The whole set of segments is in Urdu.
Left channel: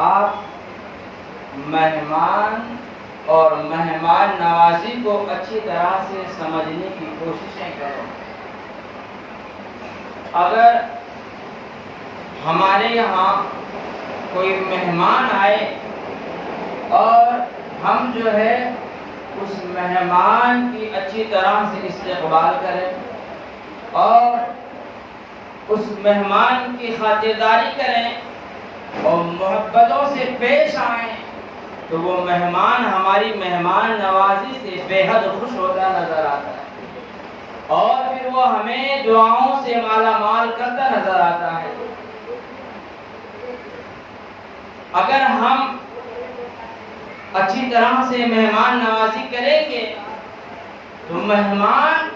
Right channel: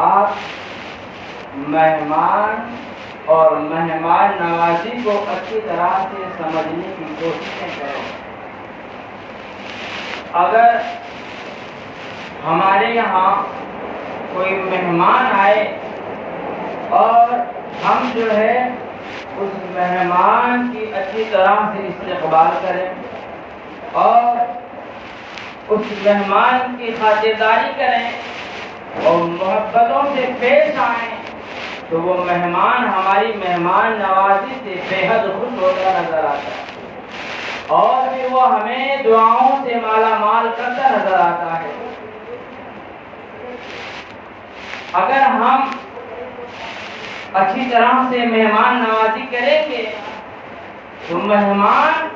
آپ مہمان اور مہمان نوازی کو اچھی طرح سے سمجھنے کی کوششیں کریں۔ اگر ہمارے یہاں کوئی مہمان آئے اور ہم جو ہے اس مہمان کی اچھی طرح سے استقبال کریں اور اس مہمان کی خاطرداری کریں اور محبتوں سے پیش آئیں تو وہ مہمان ہماری مہمان نوازی سے بے حد خوش ہوتا نظر آتا ہے اور پھر وہ ہمیں دعاؤں سے مالا مال کرتا نظر آتا ہے۔ اگر ہم اچھی طرح سے مہمان نوازی کریں گے تو مہمان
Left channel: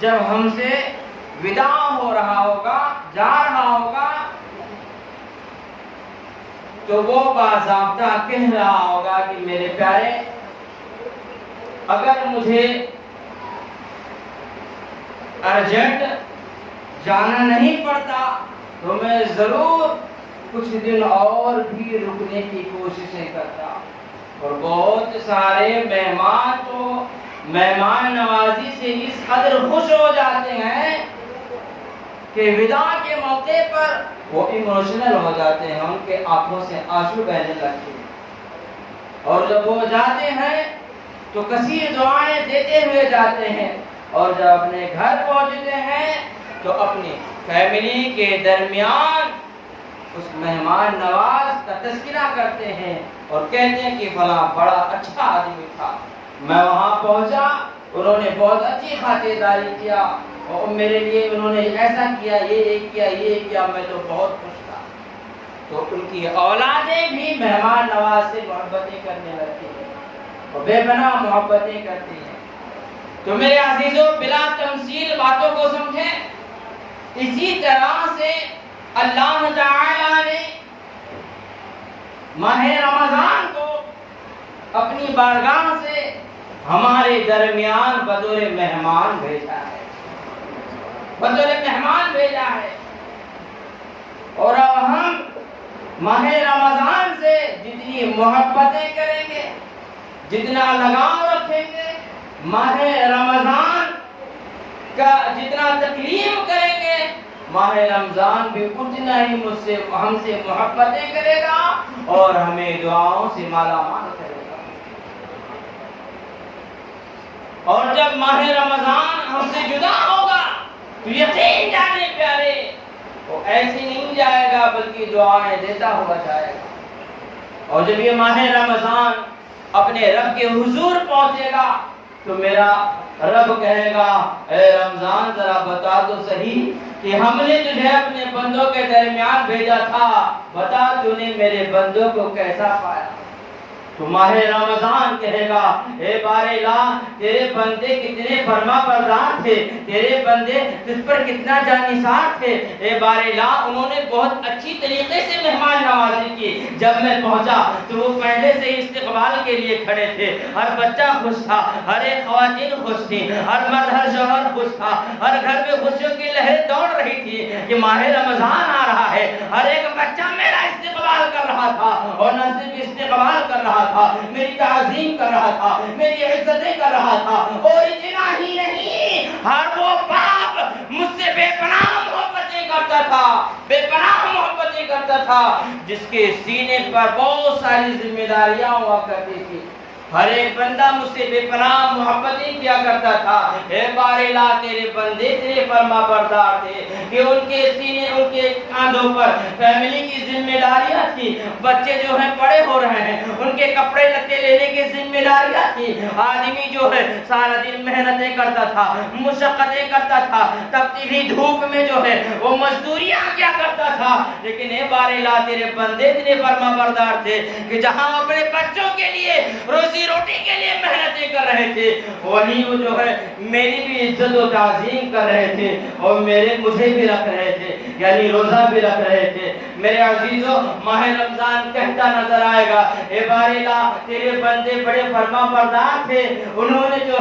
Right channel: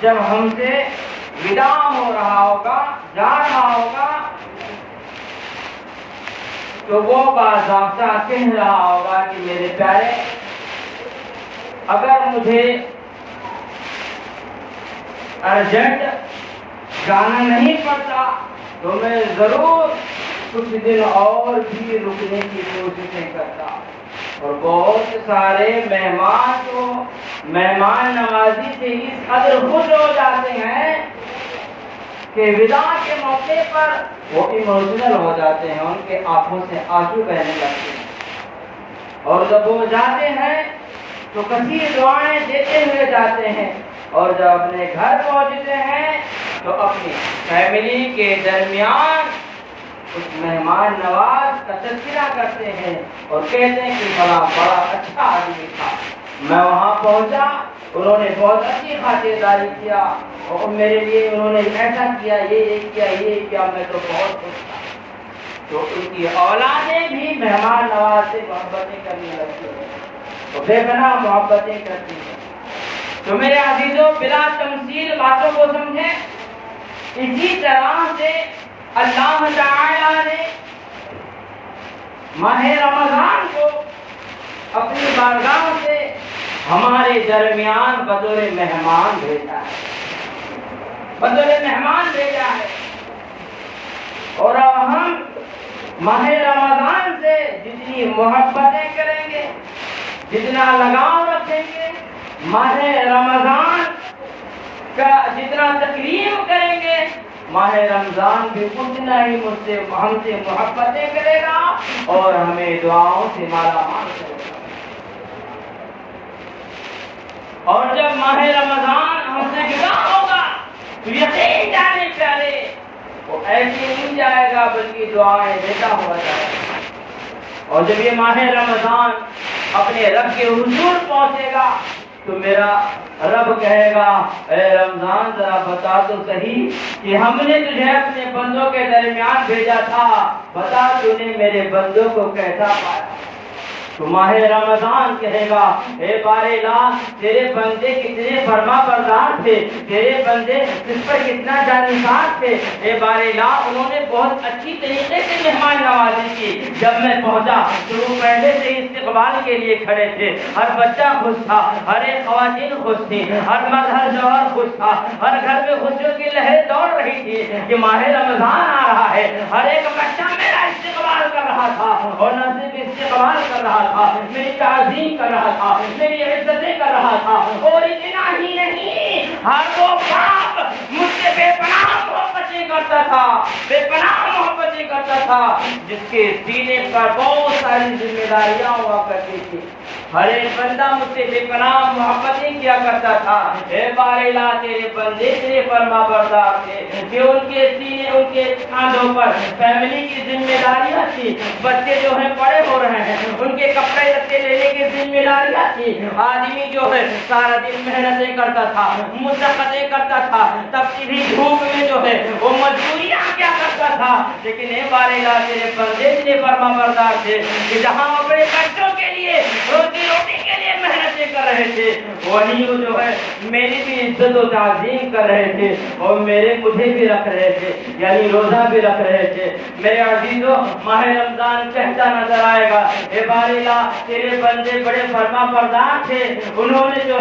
جب ہم سے وداع ہو رہا ہوگا، جا رہا ہوگا، تو وہ باضابطہ کہہ رہا ہوگا کہ میرے پیارے، اگر مجھے ارجنٹ جانا نہیں پڑتا تو میں ضرور کچھ دن اور بھی رکنے کی کوششیں کرتا۔ اور بہت سارے مہمان تو مہمان نوازی سے اس قدر خوش ہو جاتے ہیں کہ وداع کے موقع پر وہ ایموشنل ہو جاتے ہیں، ان کے آنکھوں سے آنسو بہنے لگتے ہیں، اور جب وہ جاتے ہیں تو کثیر دعائیں دیتے ہوئے جاتے ہیں، اور جب اپنے گھر پہنچتے ہیں تو اپنی فیملی کے درمیان اس مہمان نواز کا تذکرہ کرتے ہیں اور کہتے ہیں کہ فلاں بڑا اچھا آدمی تھا، میں وہاں پہنچا، انہوں نے بہت اچھی خاطرداری کیا اور میرے لیے انہوں نے ایسا کیا، یہ کیا، میں تو بہت خوش تھا۔ تو ان کی اولادیں بھی مہمان نواز سے محبتیں کرنے لگتی ہیں، وہ بے پناہ محبتیں کرتی ہیں۔ تو میرے عزیزوں، بلا تمثیل باتوں کو سمجھیں۔ اسی طرح سے اللہ تعالی نے ماہ رمضان کو اپنی بارگاہ سے ہمارے درمیان بطور مہمان بھیجا ہے، اور اب ہم ماہ رمضان سے جتنی محبتیں کریں گے، جتنا لگاؤ رکھیں گے، ماہ رمضان کا جتنا تکریم کریں گے، ماہ رمضان بھی اتنا ہی ہم سے محبتیں کرے گا اور ہمیں دعاؤں سے مالا مال کرے گا۔ اور جب ماہ رمضان ہم سے جدا ہوگا تو یقین جانے پیارے، وہ ایسے نہیں جائے گا بلکہ دعائیں دیتا ہوا جائے گا۔ اور جب یہ ماہ رمضان اپنے رب کے حضور پہنچے گا تو میرا رب کہے گا، اے رمضان ذرا بتا تو صحیح کہ ہم نے تجھے اپنے بندوں کے درمیان بھیجا تھا، بتا تو نے میرے بندوں کو کیسا پایا۔ تو ماہ رمضان کہے گا، اے بار الہ، تیرے بندے کتنے فرما بردار تھے، تیرے بندے کس پر کتنا جانثار تھے، اے بار الہ، انہوں نے بہت اچھی طریقے سے مہمان نوازی کی۔ جب میں پہنچا تو وہ پہلے سے استقبال کے لیے کھڑے تھے، ہر بچہ خوش تھا، ہر ایک خواتین خوش تھی، ہر مرد ہر شوہر خوش تھا، ہر گھر میں خوشیوں کی لہر دوڑ رہی تھی کہ ماہ رمضان آ رہا ہے۔ ہر ایک بچہ میرا استقبال کر رہا تھا، اور نہ صرف استقبال کر رہا تھا، میری تعظیم کر رہا تھا، میری عزتیں کر رہا تھا، اور اتنا ہی نہیں، ہر وہ باپ مجھ سے بے پناہ محبتیں کرتا تھا، بے پناہ محبتیں کرتا تھا، جس کے سینے پر بہت ساری ذمہ داریاں ہوا کرتی تھی۔ ہر ایک بندہ مجھ سے بے پناہ محبتیں کیا کرتا تھا۔ اے بار الہ، تیرے بندے تیرے فرما بردار تھے کہ ان کے سینے، ان کے کاندھوں پر فیملی کی ذمہ داریاں تھی، بچے جو ہیں بڑے ہو رہے ہیں، ان کے کپڑے لتے لینے کی ذمہ داریاں تھی۔ آدمی جو ہے سارا دن محنتیں کرتا تھا، مشقتیں کرتا تھا، تپتی بھی دھوپ میں جو ہے وہ مزدوریاں کیا کرتا تھا، لیکن اے بار الہ، تیرے بندے تیرے فرما بردار تھے کہ جہاں اپنے بچوں کے لیے روزی روٹی کے لیے محنتیں کر رہے تھے، وہیں وہ جو ہے میری بھی عزت و تعظیم کر رہے تھے، اور مجھے بھی رکھ رہے تھے، یعنی روزہ بھی رکھ رہے تھے، میرے عزیزو ماہ رمضان کہتا نظر آئے گا اے باری اللہ تیرے بندے بڑے فرما بردار تھے، انہوں نے جو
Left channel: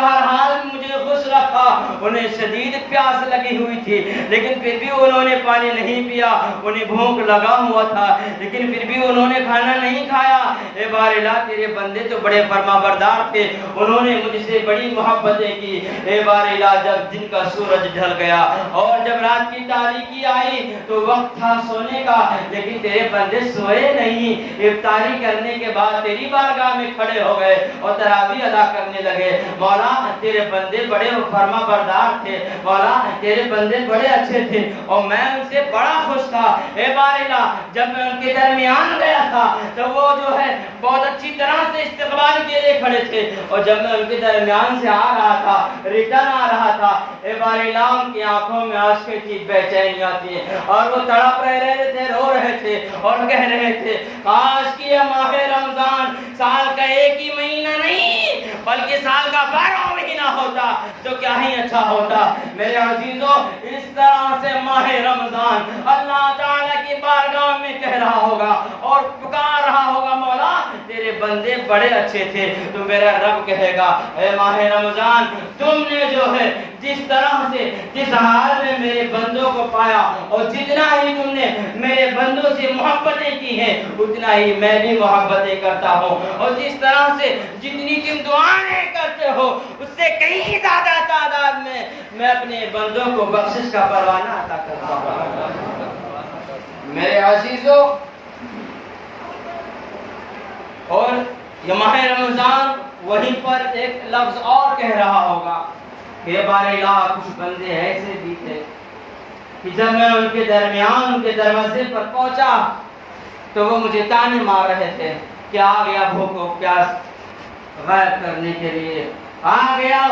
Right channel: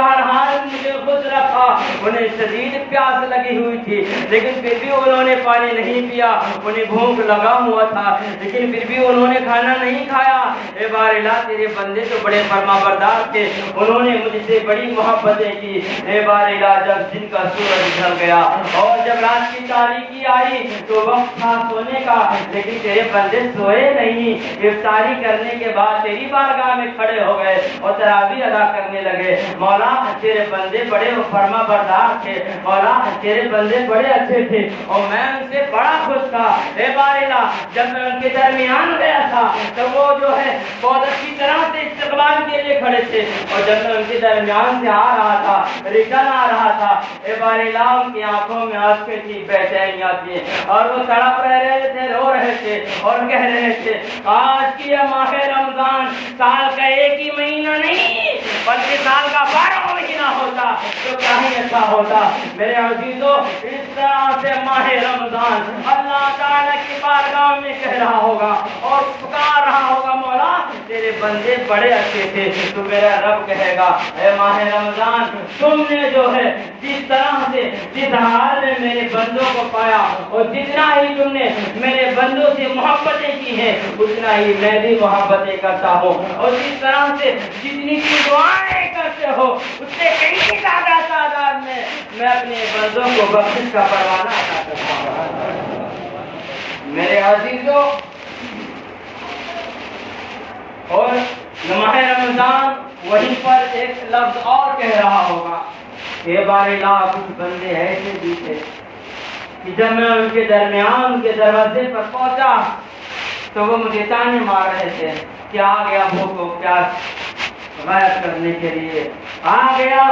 ہر حال میں مجھے خوش رکھا، انہیں شدید پیاس لگی ہوئی تھی لیکن پھر بھی انہوں نے پانی نہیں پیا، انہیں بھوک لگا ہوا تھا لیکن پھر بھی انہوں نے کھانا نہیں کھایا۔ اے باری اللہ تیرے بندے تو بڑے فرما بردار تھے، انہوں نے مجھ سے بڑی محبتیں کی۔ اے باری اللہ جب دن کا سورج ڈھل گیا اور جب رات کی تاریکی آئی تو وقت تھا سونے کا، لیکن تیرے بندے سوئے نہیں، افطاری کرنے کے بعد تیری بارگاہ میں کھڑے ہو گئے اور تراویح ادا کرنے لگے۔ مولا تیرے بندے بڑے فرما بردار تھے، مولا تیرے بندے بڑے اچھے تھے اور میں ان سے بڑا خوش تھا۔ اے باری اللہ جب میں ان کے درمیان گیا تھا تو وہ جو ہے بہت اچھی طرح سے استقبال کے لیے کھڑے تھے، اور جب میں ان کے درمیان سے آ رہا تھا، ریٹرن آ رہا تھا، اے باری اللہ ان کی آنکھوں میں آنسو تھی، بےچینیاں تھی اور وہ تڑپ رہے تھے، رو رہے تھے اور کہہ رہے تھے کاش کہ یہ ماہ رمضان سال کا ایک ہی مہینہ نہیں بلکہ سال کا 12واں مہینہ ہوتا تو کیا ہی اچھا ہوتا۔ میرے عزیزو اس طرح سے ماہ رمضان اللہ تعالیٰ کی بارگاہ میں کہہ رہا ہوگا اور پکار رہا ہوگا مولا تیرے بندے بڑے اچھے تھے، تو میرا رب کہے گا اے ماہ رمضان تم نے جو ہے جس طرح سے جس حال میں میرے بندوں کو پایا اور جتنا ہی تم نے میرے بندوں سے محبتیں کی ہیں اتنا ہی میں بھی محبتیں کرتا ہوں، اور جس طرح سے جتنی تم دعائیں کرتے ہو اس سے کئی زیادہ تعداد میں اپنے بندوں کو بخشش کا پروانہ عطا کرتا ہوں۔ میرے عزیزو اور ماہ رمضان وہیں پر ایک لفظ اور کہہ رہا ہوگا کہ بارے اللہ کچھ بندے ایسے بھی تھے کہ جب میں ان کے درمیان ان کے دروازے پر پہنچا تو وہ مجھے تانے مار رہے تھے کہ آ گیا بھوک و پیاس غائب کرنے کے لیے، آ گیا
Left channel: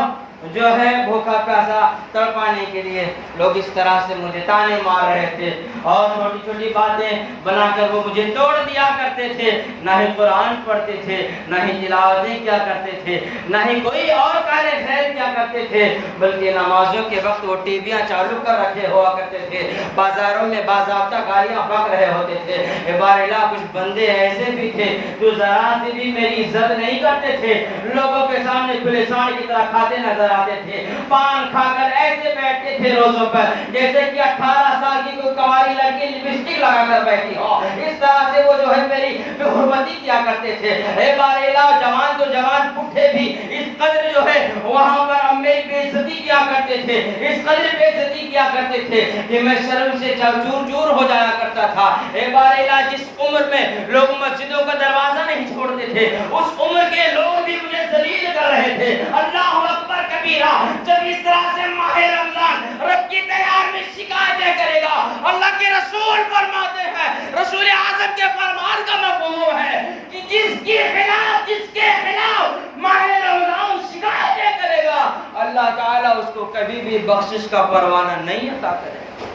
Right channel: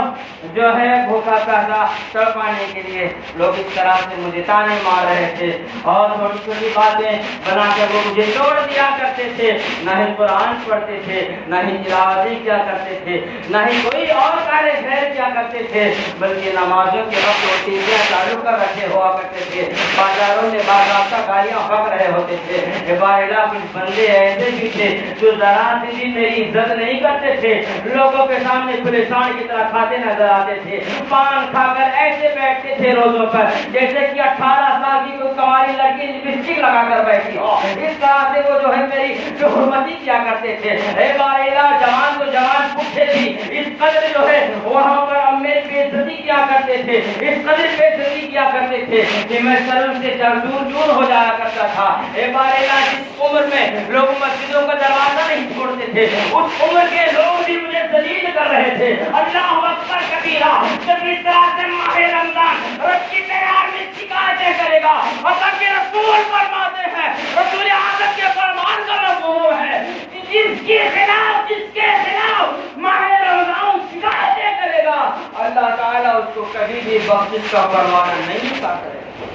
جو ہے بھوکا پیاسا تڑپانے کے لیے۔ لوگ اس طرح سے مجھے تانے مار رہے تھے اور چھوٹی چھوٹی باتیں بنا کر وہ مجھے چھوڑ دیا کرتے تھے، نہ ہی قرآن پڑھتے تھے، نہ ہی تلاوتیں کیا کرتے تھے، نہ ہی کوئی اور کار خیر کیا کرتے تھے، بلکہ نمازوں کے وقت وہ ٹیویاں چالو کر رکھے ہوا کرتے تھے، بازاروں میں باضابطہ گالیاں بک رہے ہوتے تھے۔ بارے کچھ بندے ایسے بھی تھے جو ذرا سی بھی میری عزت نہیں کرتے تھے، لوگوں کے سامنے کھلے سان کی طرح کھاتے نظر آتے تھے، پان کھا کر ایسے بیٹھتے تھے روزوں پر جیسے کہ 18 سال کی کوئی کنواری لڑکی لپسٹک لگا کر بیٹھی ہو، اس طرح سے وہ جو ہے میری حرمتی کیا کرتے تھے۔ اے بارے جوان تو جوان پٹھے بھی اس قدر جو ہے وہاں پر میری بے عزتی کیا کرتے تھے، اس قدر بے عزتی کیا کرتے تھے کہ میں شرم سے چور چور ہو جایا کرتا تھا۔ اے بارے جس عمر میں لوگ مسجدوں کا دروازہ نہیں چھوڑتے تھے اس عمر کے لوگ بھی مجھے ذلیل کر رہے تھے۔ اللہ اکبر کبیرہ، جب اس طرح سے ماہ رمضان رب کی تیار میں شکایتیں کرے گا، اللہ کے رسول فرماتے ہیں، رسول اعظم کے فرمان کا مفہوم ہے کہ جس کے خلاف ماہ رمضان شکایتیں کرے گا اللہ تعالیٰ اس کو کبھی بھی بخشش کا پروانہ نہیں عطا کرے گا۔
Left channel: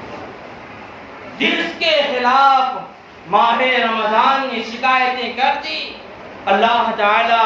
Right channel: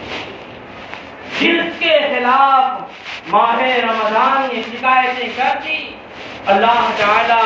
جس کے خلاف ماہ رمضان نے شکایتیں کر دی اللہ تعالیٰ